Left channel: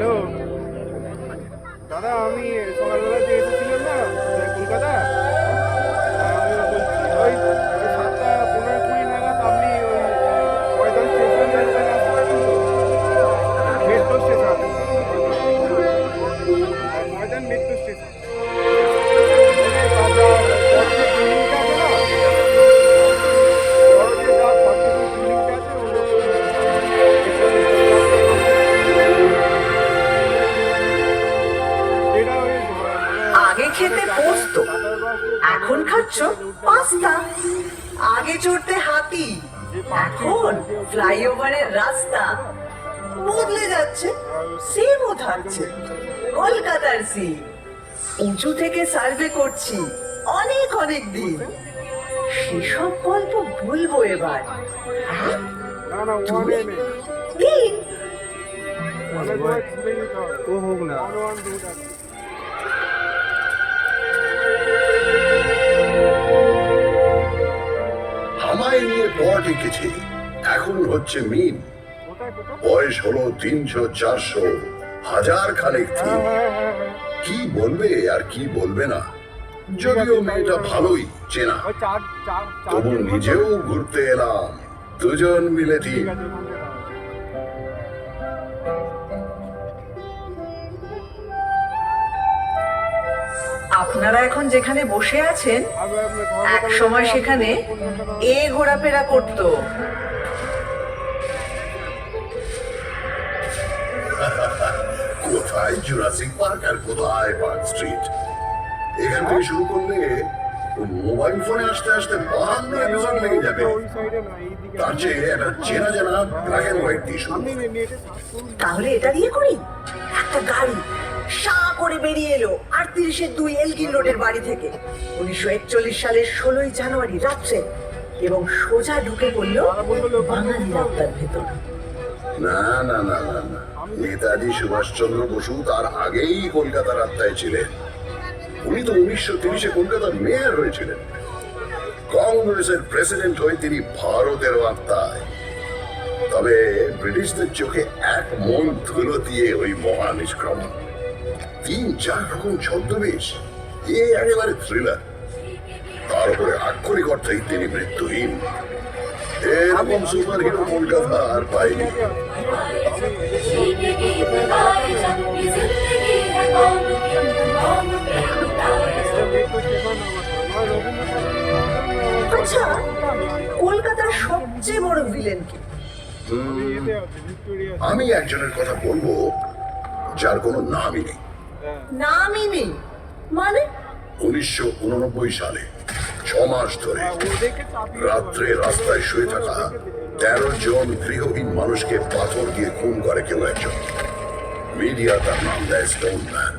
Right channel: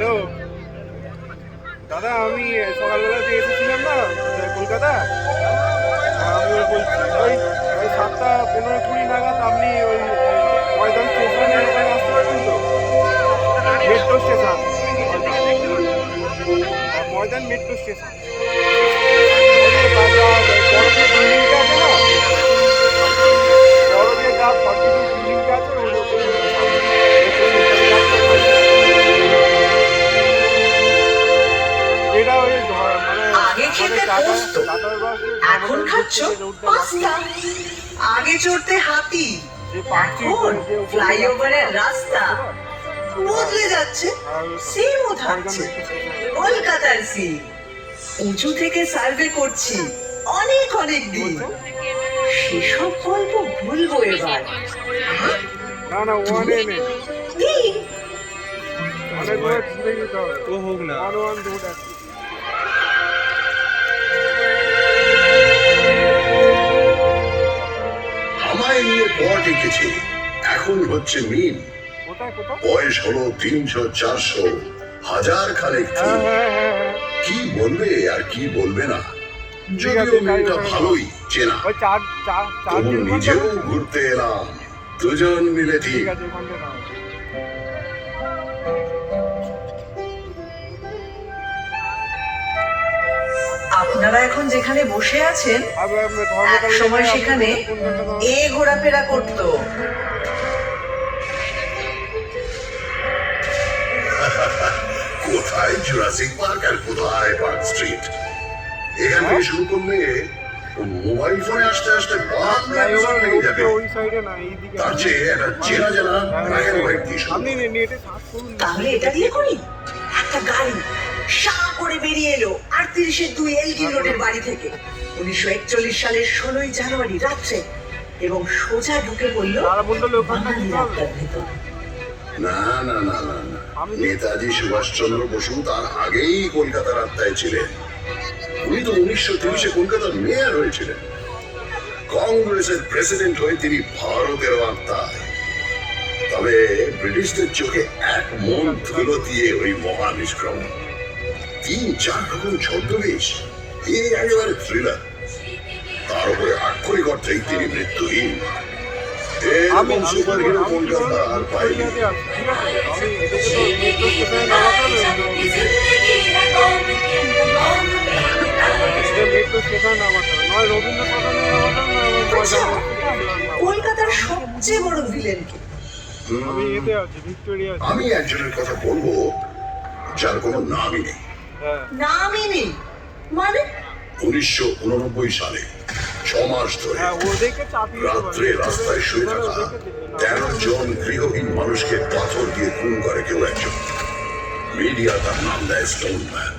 Hello দাদা, আমি সকালবেলাতে এসেছিলাম না কলকাতা। আমি বলছি ওই 7:15-20 নাগাদ আপনি ওই ময়দান স্টেশনের ওখানে আসতে পারবেন তো? মেট্রো স্টেশন, ময়দান মেট্রো স্টেশন। বড় যে বিল্ডিংটা আছে না, বড় যে 42 বিল্ডিংটা আছে এটা ওই আগে খেতে পোস্ত, এখন খাচ্ছ পাস্তা। আগে চড়তে হাতি, এখন ফ্লাইওভারের রাস্তা। বদলে যাচ্ছে, সিমও থাকছে, কলকাতার সিম। উঁচু থেকে সার্ভে করছি অনেক অনেক দিন। সেসব গল্প বলবো এবার। না না ওয়ানে নেই, তিন ও হোক না। আমায় নিয়ে পট এঁকেছে, এখন হচ্ছে মিন। বয়স হলো 300-400, হাজার খানেক দিন। কি বলবে আর কি বলবে না, যদিও মেয়েটা ভালোই চেনা। তবু নিজেও ঘুরতে এলাম, দুজন মিলে ঠিক। আপনারা এখন যেখানে বসে আছেন, এক সময় সেখানে ঘোরাফেরা করতো। কোথায় জুরাসিক পার্ক আর কোথায় পার্ক স্ট্রিট। এখান থেকে শুরু করলে মোবাইল ফোনে আসতে আসতে 52 এপিসোড লেগে যাবে। তার চেয়ে একটা চেনা জানা ব্ল্যাক এন্ড হোয়াইট দিয়ে শুরু। তাহলে এটা দিয়ে করি। একটা গাড়ি সা করে বেরিয়ে এলো 38-2 এলগিন রোডের বাড়ি থেকে 1941 সালের 16ই জানুয়ারি রাত্রে, এবং সোজা ঢুকে পড়লো বাঙালি রাস্তার ভেতর। না না না না না, নেতাজি সুভাষচন্দ্র বসু তার আগেই কলকাতার আত্মায় ছিলেন। উনি তো 1930-এ কলকাতার মেয়র হয়েছিলেন। কংগ্রেসের প্রেসিডেন্ট হয়ে তিনি ভারতের আত্মায়। তবে ব্রিটিশদের চোখে এক মন ধুলো দিয়ে ওই মহা নিষ্ক্রমণ। 3-4 রকম ছদ্মবেশ, একেবারে থ্রিলার। তার উপরে আক্ষরিক অর্থেই তিনি মৃত্যুহীন। এরকম সুপার হিরো কলকাতা আর পাইনি। আচ্ছা, কলকাতার সবচেয়ে বড় ভিলেন কি? আমি একজনের কথা বলবো যার কোনো নামই নেই। নামই নেই মানে? 1989 সালে 6 মাস ধরে রাত্রে রাস্তায় শুয়ে থাকা 13 জন গৃহহীন মানুষকে পাথর দিয়ে খুন করে কেউ একজন। মিডিয়া তার নাম দেয় স্টোন ম্যান।